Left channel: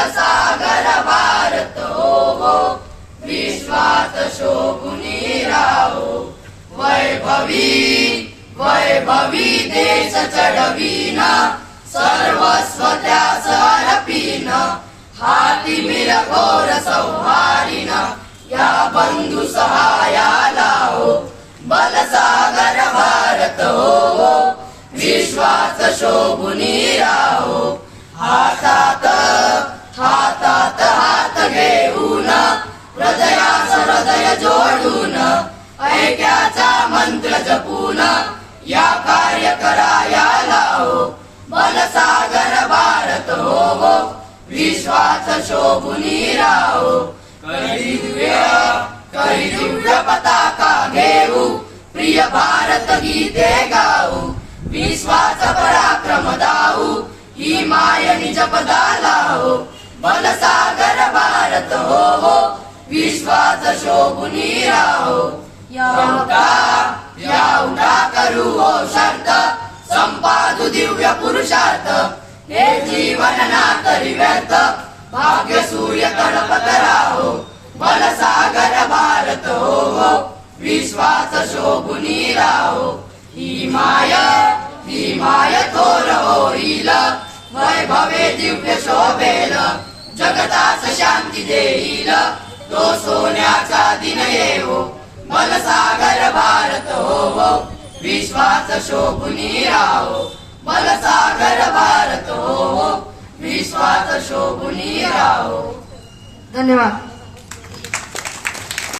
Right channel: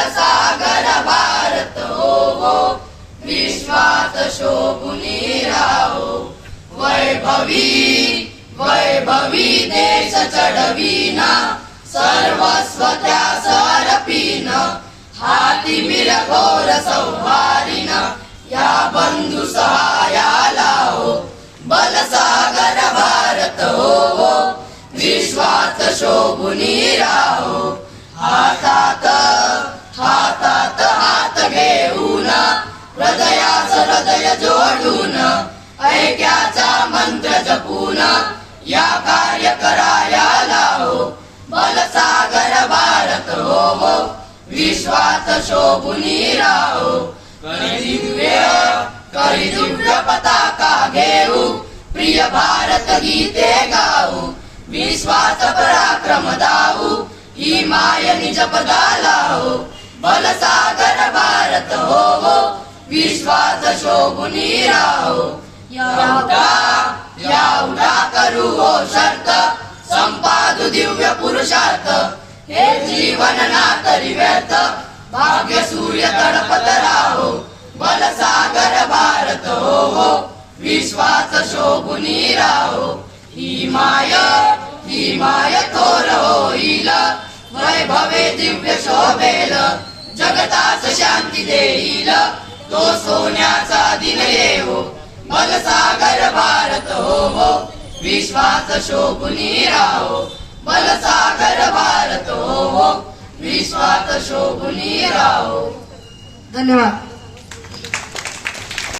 बलसागर भारत हो विश्वात शोभुनी राहो वैभवी वैभवी देश चढवीन सर्वस्व त्यास अर्पीन हाती मिरघोर सौहारीन या बंधु सहायाला हो बलसागर भारत हो विश्वात शोभुनी राहो हातात हातात हात घेऊन हृदयास हृदय जोडून ऐक्याचा मंत्र जपून या कार्य करायला हो बलसागर भारत हो विश्वात शोभुनी राहो करी दिव्य पताका घेऊ प्रिय भारत गीते गाऊ विश्वास पराक्रम दाऊ ही माय निज पदाला हो बलसागर भारत हो विश्वास शोभुनी राहो या उठा करू हो शर्त संपादू दिव्य पुरुषार्थ हे जीवन ना करी व्यर्थ भाग्य सूर्य तडपत राहो बलसागर भारत हो विश्वास शोभुनी राहो ही माय थोर होईल वैभवे दिव्य शोभेल जगतास शांती देईल तो सोन्याचा दिन येवो बलसागर भारत हो विश्वास शोभुनी राहो बलसागर भारत हो विश्वास शोभुनी राहो. धन्यवाद.